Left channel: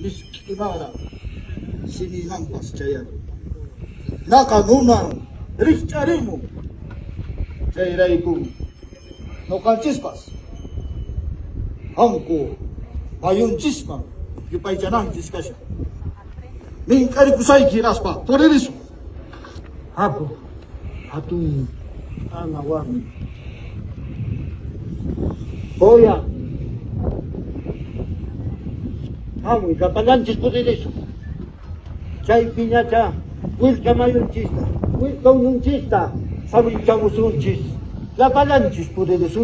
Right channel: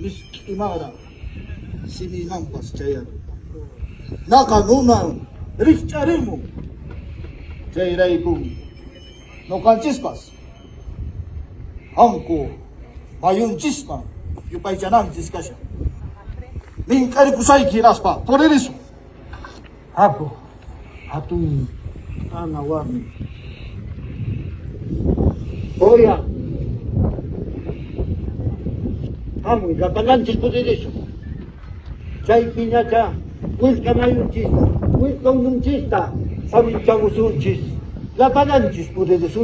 Imara sini nampas caya nakamuna richarimo jairaibu no kancispas angko mayuncisma yupaijanam discussion min kari kusai kiraspa por eso hapo hatun tanawani oya vamos kapalanchis por eso chay piñacha wilka mayunchista wilka ununchista familichagusunchis kapalanchis por eso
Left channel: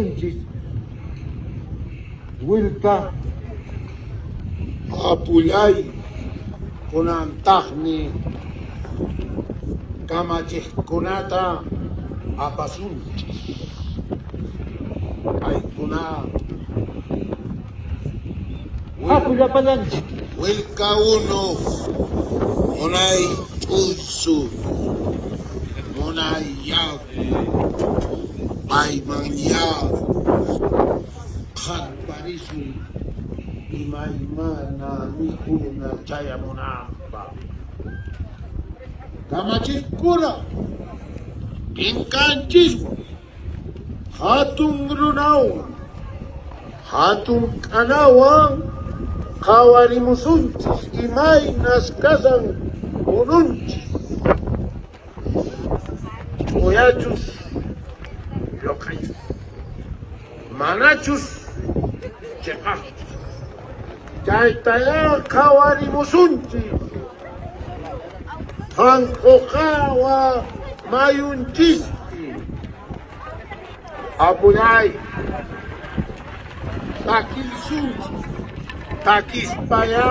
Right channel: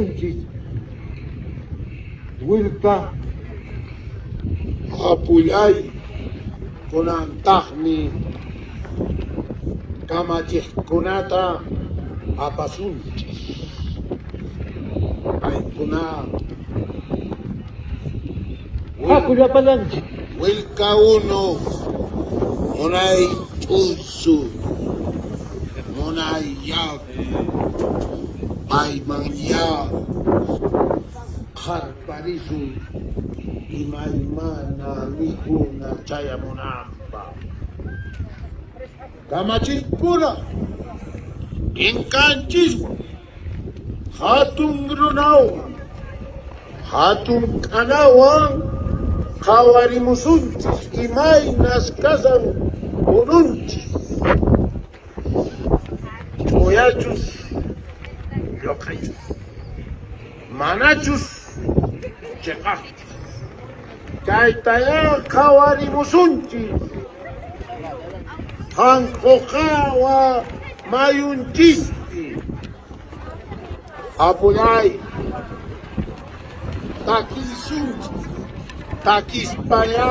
wilka apulay kunantaqmi kamachiqkunata apasunchis paykuna wilka uno unay pulso unay yaku aymanya kaparisu imaymana mikuna chayamunanpa kamachiqkuna inkanchiswan hatun runawan hatun qanawan qawarimusunchis imaynas kasan ununchis oyachus yoqaychus manachus cheqachus chaytayan qawarimusunchis qanqoqawa mayunchispi apuyay takilsunchis takispaya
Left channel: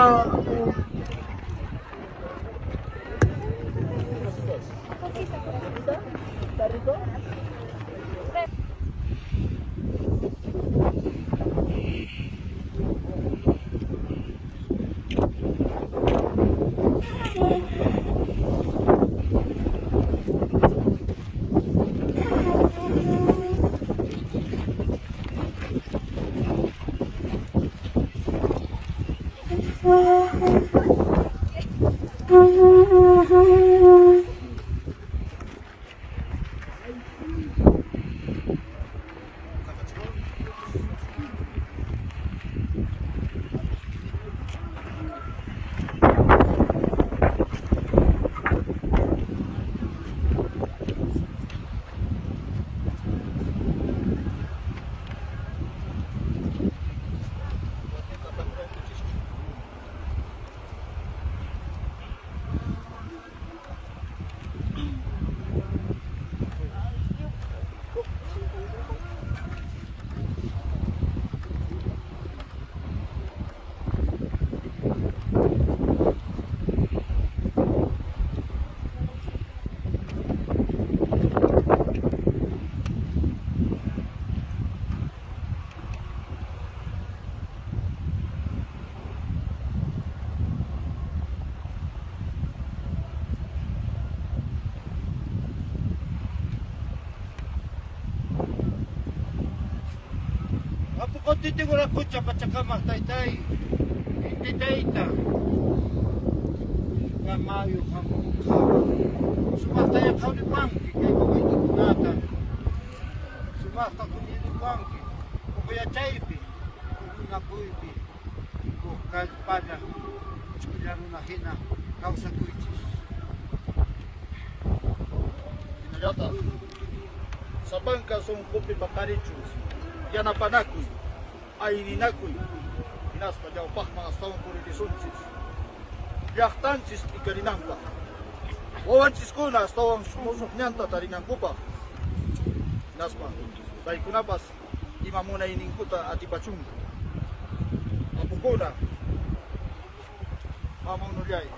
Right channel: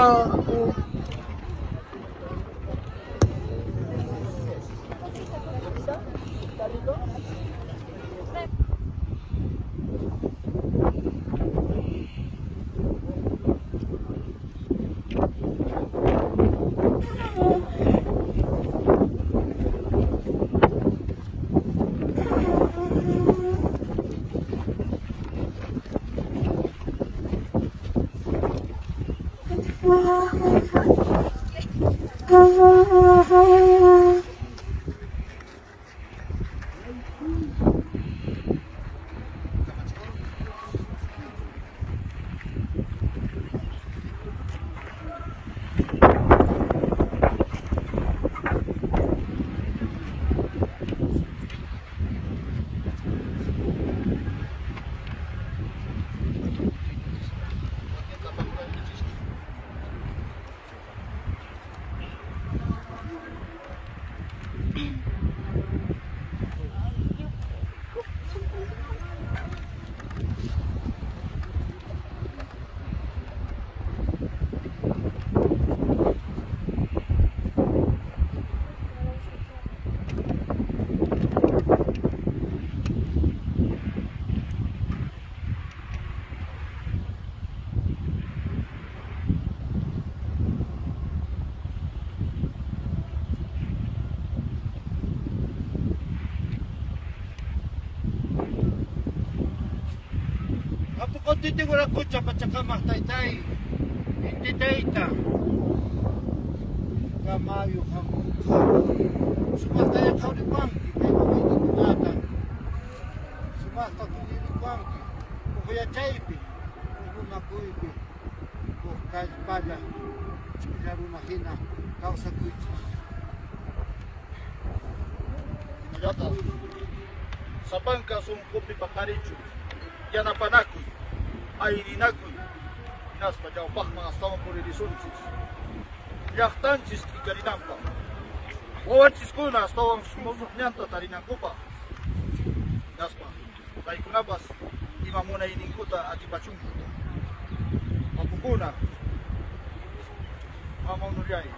Konti wala kutsa patsakama tay hindi data kamayo kamo sumataya kau di bangki kaya makaitutunatan sumata kuni di bangki kukuya chaypi kukuna kuipi kukagpada kujaruna hina kausa kuichis inayata sa bangka sungkupi bakarichus yana panakuy ay ninakuy inaspa jawpak mga astawan por irisunchis llaqtanchis kikarinanpa wawanchiskuna astawan sumusukñanta tarinankupa inaspa kaykunapas imamuna ininkuta atipachunku apukuna mamunuyay